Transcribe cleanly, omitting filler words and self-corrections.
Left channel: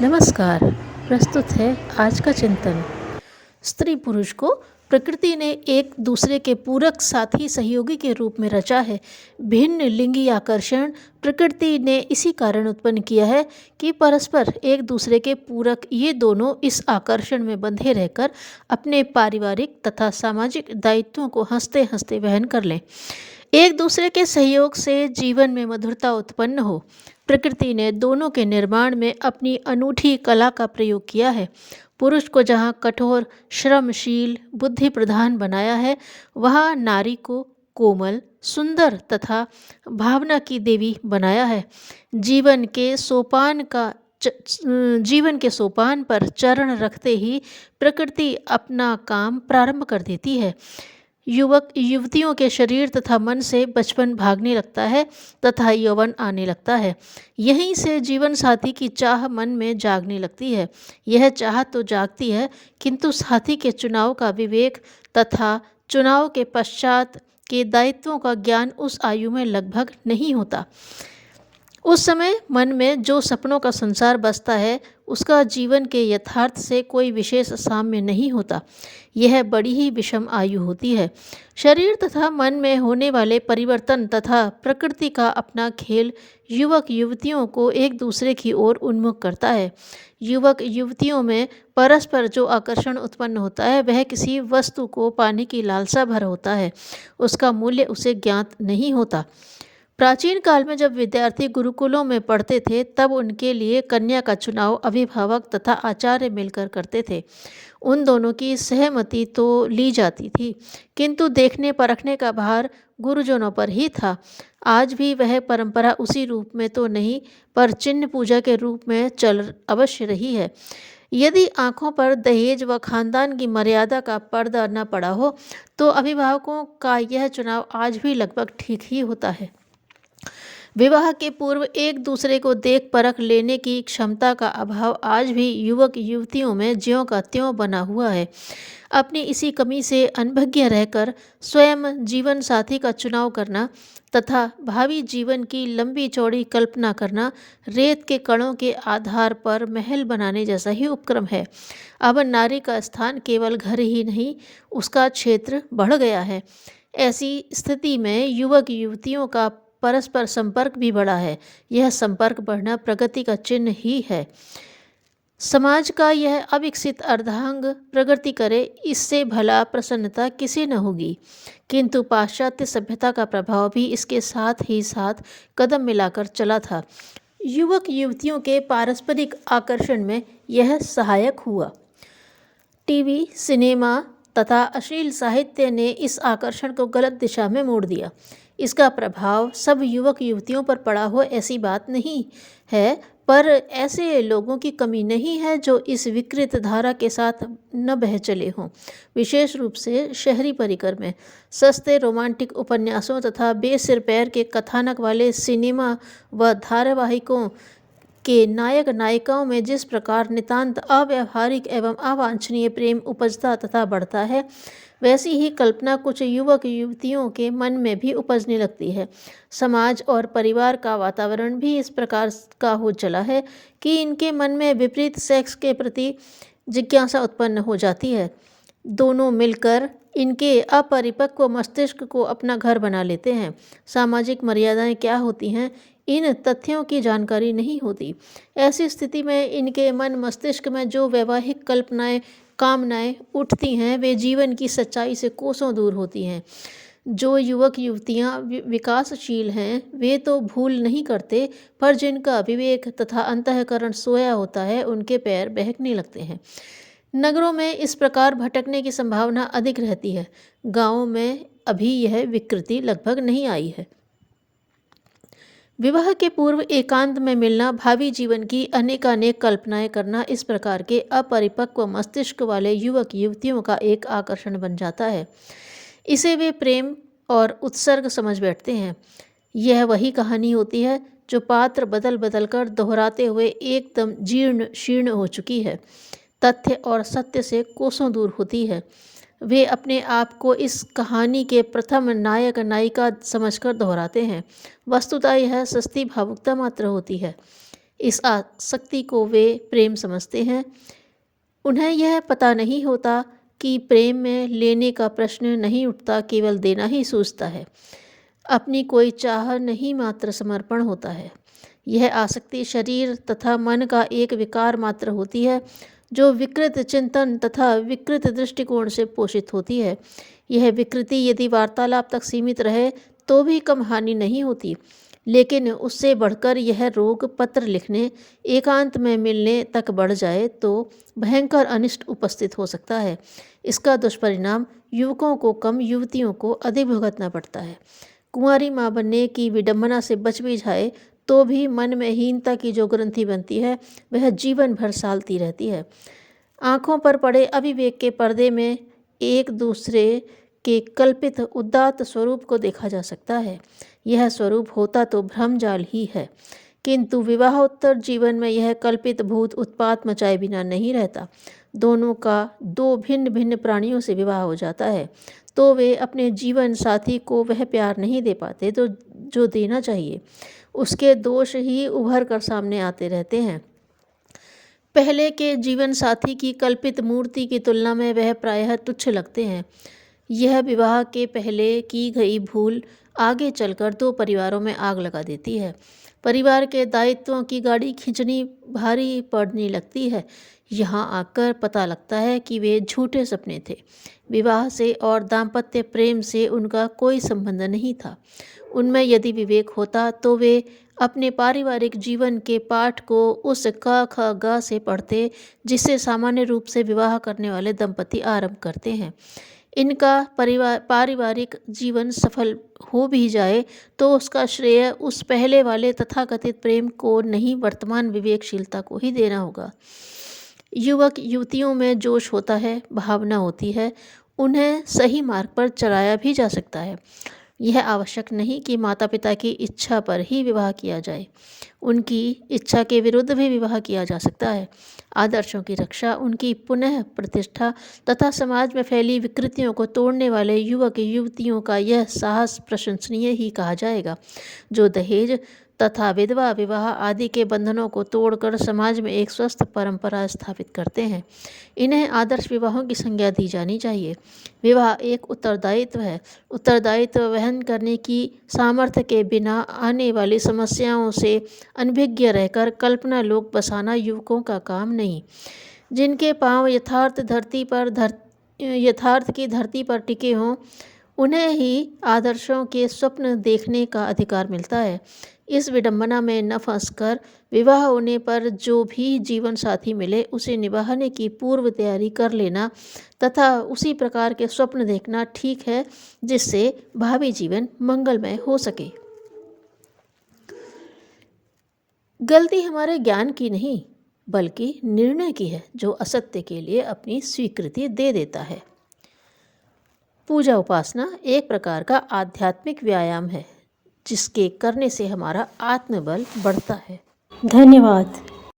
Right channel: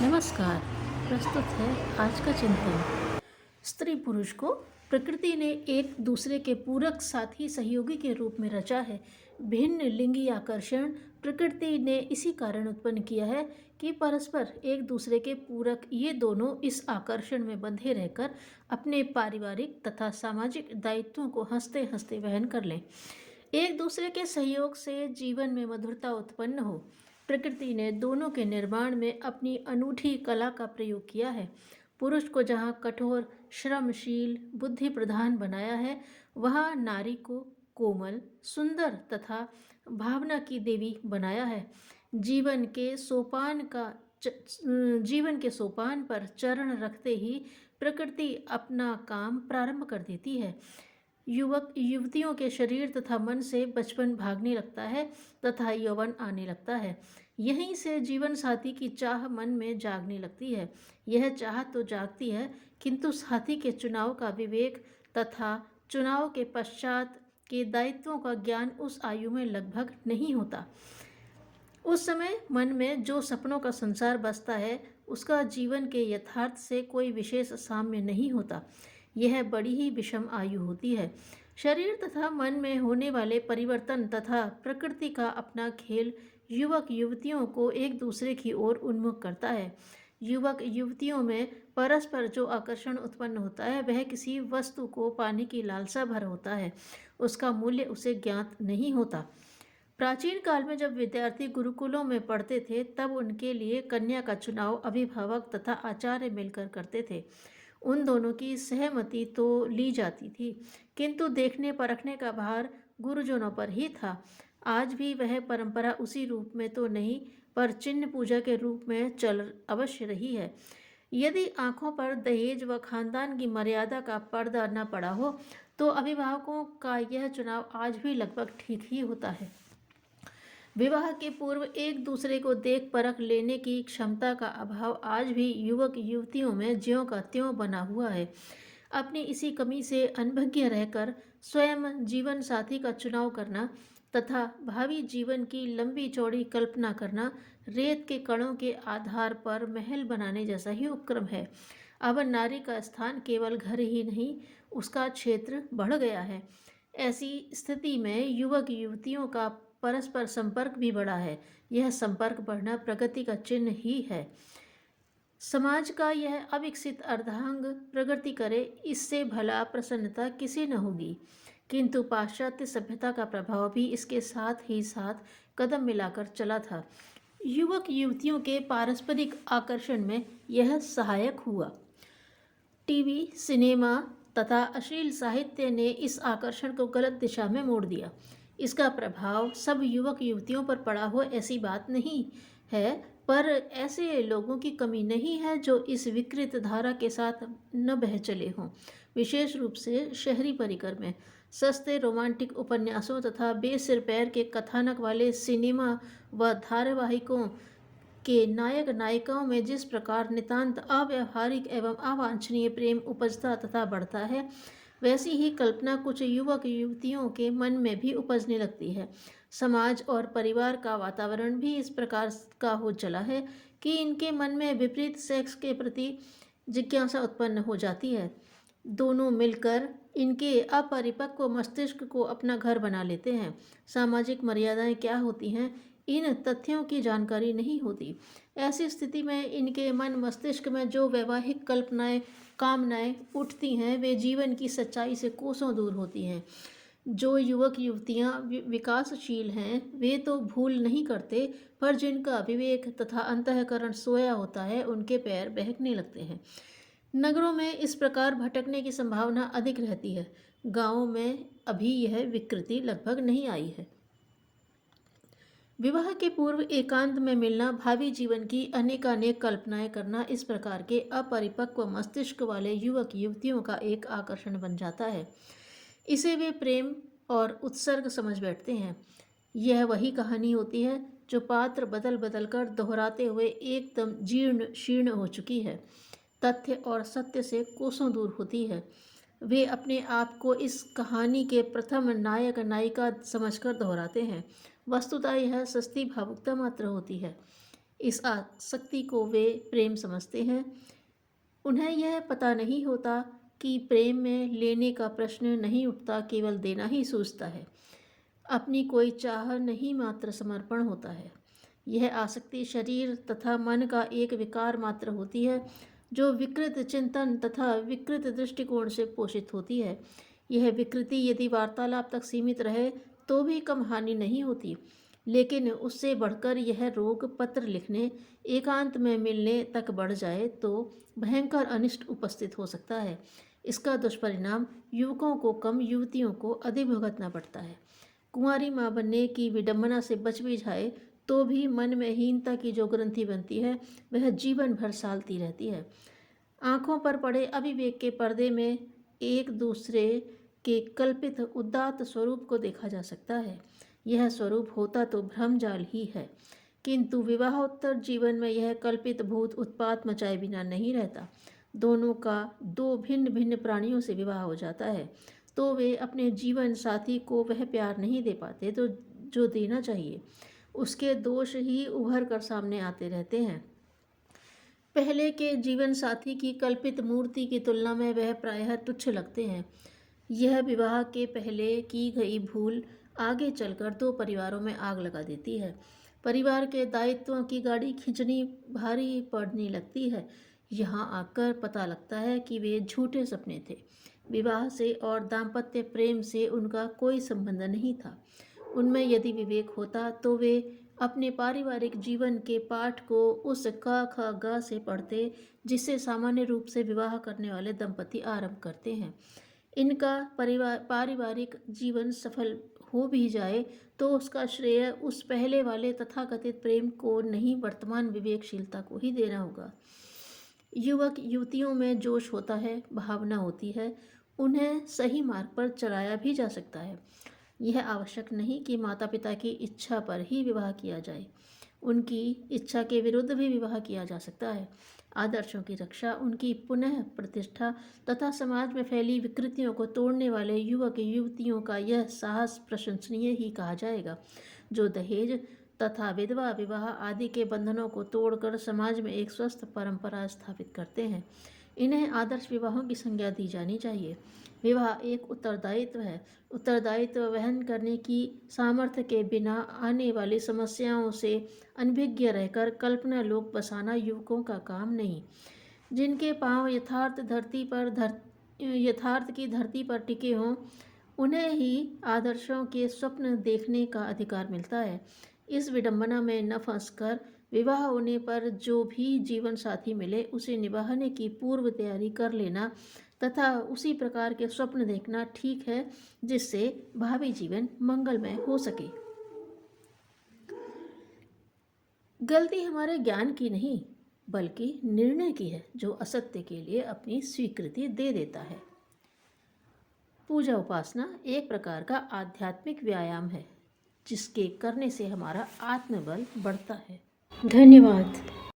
नमस्कार। प्रस्तुत है आज का चिंतन। स्त्री पुरुष को प्रकृति ने एक दूसरे के पूरक साथी सहयोगी के रूप में रचा है। भिन्न लिंगी आकर्षण प्रकृति ने इसी कारण उत्पन्न किया है कि परस्पर एक दूसरे के पूरक ये दोनों इस आकर्षण में बंधे रहकर अपने पारिवारिक तथा सामाजिक दायित्वों को हंसते हंसते वहन कर लें। एक दूसरे के सहयोग से जीवन में मधुरता उत्पन्न हो। प्रकृति ने दोनों के निर्माण में अपनी अनूठी कला का प्रयोग किया है। पुरुष को जहाँ कठोर, श्रमशील, बुद्धि प्रधान बनाया है, वहाँ नारी को कोमल, सुंदर तथा भावना की देवी बनाया है। जीवन के सोपान का जीवन के सोपान पर चरण रखते ही प्रकृति अपना काम प्रारंभ कर देती है। युवक युवतियों के शरीर तथा मन से बचपन भागने लगता है तथा यौवन आने लगता है। यहीं से जीवन साथी की चाह मन में जागने लगती है। यह चाह तो जागती है, किंतु साथी के चुनाव का विवेक तथा चुनाव के पश्चात के दायित्वों का ज्ञान उस आयु में लगभग नहीं होता। उस समय मन में जो सपनों का संसार बसता है, उसका जीवन के यथार्थ से कोई विशेष साम्य नहीं होता। यह बड़ी ही विषम आयु होती है। शरीर तथा मन में होने वाले परिवर्तन तथा प्रकृति का अपना खेल युवक युवतियों को एक दूसरे की ओर उन्मुख करता है। युवक युवतियों में परस्पर जो आकर्षण उत्पन्न होता है, वह किसी वस्तु को पाने की लालसा भर होता है। उसका मूल्य उसे ज्ञात नहीं होता। प्राचीन काल में जब विद्यार्थी गुरुकुलों में पढ़ते थे, तब उनके लिए कन्या का चुनाव अभिभावक तथा आचार्य मिलकर करते थे। उन दोनों की सहमति तो ली जाती थी, किंतु देखने परखने का भार गुरुजनों पर ही था। आज भी वह परंपरा उसी रूप में तो नहीं, पर चिन्ह पूजा के रूप में चल अवश्य रही है। यदि आंखों पर दहेज व खानदान की मर्यादा का पर्दा न पड़ा हो, तो अभिभावकों का यह चुनाव आज भी लगभग ठीक ही होता है। विवाह के पूर्व एक दूसरे को देख परख लेने की क्षमता का अभाव आज भी युवक युवतियों में ज्यों का त्यों बना हुआ है। अपनी इसी कमी से अनभिज्ञ रहकर स्वयं जीवन साथी का चुनाव करना तथा भावी जीवन की लंबी चौड़ी कल्पना करना रेत के कणों के आधार पर महल बनाने जैसा ही उपक्रम है। अब नारी का स्थान केवल घर ही नहीं, उसका क्षेत्र बढ़ गया है। ऐसी स्थिति में युवक युवतियों का परस्पर संपर्क भी बढ़ा है। यह संपर्क बढ़ना प्रगति का चिन्ह ही है। समाज का यह अविकसित अर्धांग प्रगति करे, इससे भला प्रसन्नता किसी न होगी। किंतु पाश्चात्य सभ्यता का प्रभाव भी इसके साथ ही साथ कदम मिलाकर चला था। युवक युवतियों के पारस्परिक आकर्षण में यह सहायक हुआ। टीवी, सिनेमा तथा अश्लील साहित्य ने इस आकर्षण को गलत दिशा में मोड़ दिया। इसका प्रभाव सब युवक युवतियों पर पड़ा हो ऐसी बात नहीं है, पर ऐसे लोगों की कमी नहीं है जो इस विकृत धारा के साथ न बह चले हों। विशेष रूप से शहरी परिकर में सस्ते रोमांटिक उपन्यासों तथा बेसिर पैर के कथानक वाले सिनेमा व धारावाहिकों के नायक नायिकाओं में जिस प्रकार नितांत अव्यावहारिक एवं अवांछनीय प्रेम उपजता तथा बढ़ता है, वैसी ही कल्पना कुछ युवक युवतियों के मन में भी उपजने लगती है। समाज और परिवार का वातावरण भी इस प्रकार का हो चला है कि इनके मन में विपरीत सेक्स के प्रति जिज्ञासा उत्पन्न हो जाती है। दोनों मिलकर इनके अपरिपक्व मस्तिष्क को अपना घर बना लेते हैं। सामाजिक मर्यादाएं क्या होती हैं, इन तथ्यों की जानकारी नहीं होती। ऐसी स्थिति में इनके मन मस्तिष्क में जो वैवाहिक कल्पनाएं कामनाएं उठती हैं, वे जीवन की सच्चाई से कोसों दूर होती हैं। जो युवक युवतियां विकासशील हैं, वे तो भूल नहीं करते, पर जिनका विवेक तथा अंतःकरण सोया होता है, उनके पैर बहकने लगते हैं। नगरों में इस प्रकार भटकने की संभावना अधिक रहती है। गांवों में अभी यह विकृति लगभग नहीं आई है। विवाह के पूर्व एकांत में मिलना, भावी जीवन की अनेकानेक कल्पनाएं करना, इस प्रकार के अपरिपक्व मस्तिष्क वाले युवक युवतियों का एक आकर्षण बन जाता है। इसे वे प्रेम और उत्सर्ग समझ बैठते हैं। यह वही कहानी होती है जो पात्र बदल बदल कर दोहराते हुए एकदम जीर्ण शीर्ण हो चुकी है, तथ्य और सत्य से कोसों दूर होती है। वे अपने आप को इस कहानी के प्रथम नायक नायिका समझकर दोहराते हैं। वस्तुतः यह सस्ती भावुकता मात्र होती है। इस आसक्ति को वे प्रेम समझते हैं। उन्हें यह पता नहीं होता कि प्रेम में लेने का प्रश्न नहीं उठता, केवल देना ही सूझता है। अपनी कोई चाह नहीं, मात्र समर्पण होता है। यह आसक्ति शरीर तथा मन का एक विकार मात्र होती है, जो विकृत चिंतन तथा विकृत दृष्टिकोण से पोषित होती है। यह विकृति यदि वार्तालाप तक सीमित रहे तो भी कम हानि नहीं होती, लेकिन उससे बढ़कर यह रोग पत्र लिखने, एकांत में मिलने तक बढ़ जाए तो भयंकर अनिष्ट उपस्थित हो सकता है। इसका दुष्परिणाम युवकों को कम, युवतियों को अधिक भुगतना पड़ता है। कुंवारी माँ बनने की विडंबना से बच भी जाए तो भी मन में हीनता की जो ग्रंथि बनती है वह जीवन भर सालती रहती है। आँखों पर पड़े अविवेक के पर्दे में एक दूसरे के कल्पित उदात्त स्वरूप को देखा जा सकता है। यह स्वरूप होता तो भ्रमजाल ही है, किंतु विवाहोत्तर जीवन में यह कल्पित भूत उत्पात मचाए बिना नहीं रहता। दोनों का दो भिन्न भिन्न प्राणियों से विवाह हो जाता है तो वे अपने जीवन साथी को वह प्यार नहीं दे पाते तो जो देना चाहिए। उसके दोष ही उभर कर सामने आते रहते हैं। पहले के जीवन साथी की कल्पित मूर्ति की तुलना में वह प्रायः तुच्छ लगते हैं। यह विवाह के पहले की गई भूल आगे चलकर दो परिवारों में आग लगा देती है। परिवार के दायित्वों की गाड़ी खींचनी भारी पड़ने लगती है। यहाँ आकर पता लगता है कि वे झूठे सपने थे। विवाह से और दाम्पत्य प्रेम से उनका कोई संबंध नहीं था। उनमें यदि विवेक होता तो वे अपने पारिवारिक जीवन के पाठ को उस क ख ग से पढ़ते जिससे सामान्य रूप से विवाह करने वाले दंपति आरंभ करते हैं। इनका पारिवारिक जीवन सफल हो भी जाए तो उसका श्रेय उस पहले वाले तथाकथित प्रेम को नहीं, वर्तमान विवेकशीलता को ही देना होगा। युवक युवतियों में जोश होता है, भावना होती है, उन्हें सही मार्ग पर चलाया भी जा सकता है। यह आवश्यक नहीं कि माता पिता की इच्छा पर ही विवाह किया जाए, उनकी इच्छा के विरुद्ध भी विवाह किया जा सकता है। आदर्शों की रक्षा, उनकी पुनः प्रतिष्ठा तथा समाज में फैली विकृतियों को तोड़ने वाले युवक युवतियों का यह साहस प्रशंसनीय ही कहा जाएगा, जो दहेज तथा विधवा विवाह आदि के बंधनों को तोड़कर समाज में एक स्वस्थ परंपरा स्थापित करते हैं। इन्हें आदर्श विवाहों की संज्ञा दी जानी चाहिए। विवाह एक उत्तरदायित्व है। उत्तरदायित्व वहन करने की सामर्थ्य के बिना आने वाली समस्याओं से अनभिज्ञ रहकर कल्पना लोक बसाना युवकों का काम नहीं। जिनके पांव यथार्थ की धरती पर टिके हों, उन्हें ही आदर्शों के स्वप्न देखने का अधिकार मिलता है। इस विडंबना में न फंसकर विवाह होने पर जो भी जीवन साथी मिले उसे निभाने की पूर्व तैयारी कर लेना तथा उसी प्रकार के स्वप्न देखना ठीक है, जिससे भावी जीवन मंगलमय हो सके। गलती हमारे ज्ञान की नहीं बल्कि निर्णय की है, जो असत्य के लिए अपनी स्वीकृति दे देता है। पूजा उपासना एक प्रकार का आध्यात्मिक व्यायाम है, जिसके करने से हमारा आत्मबल बढ़ता है। धन्यवाद।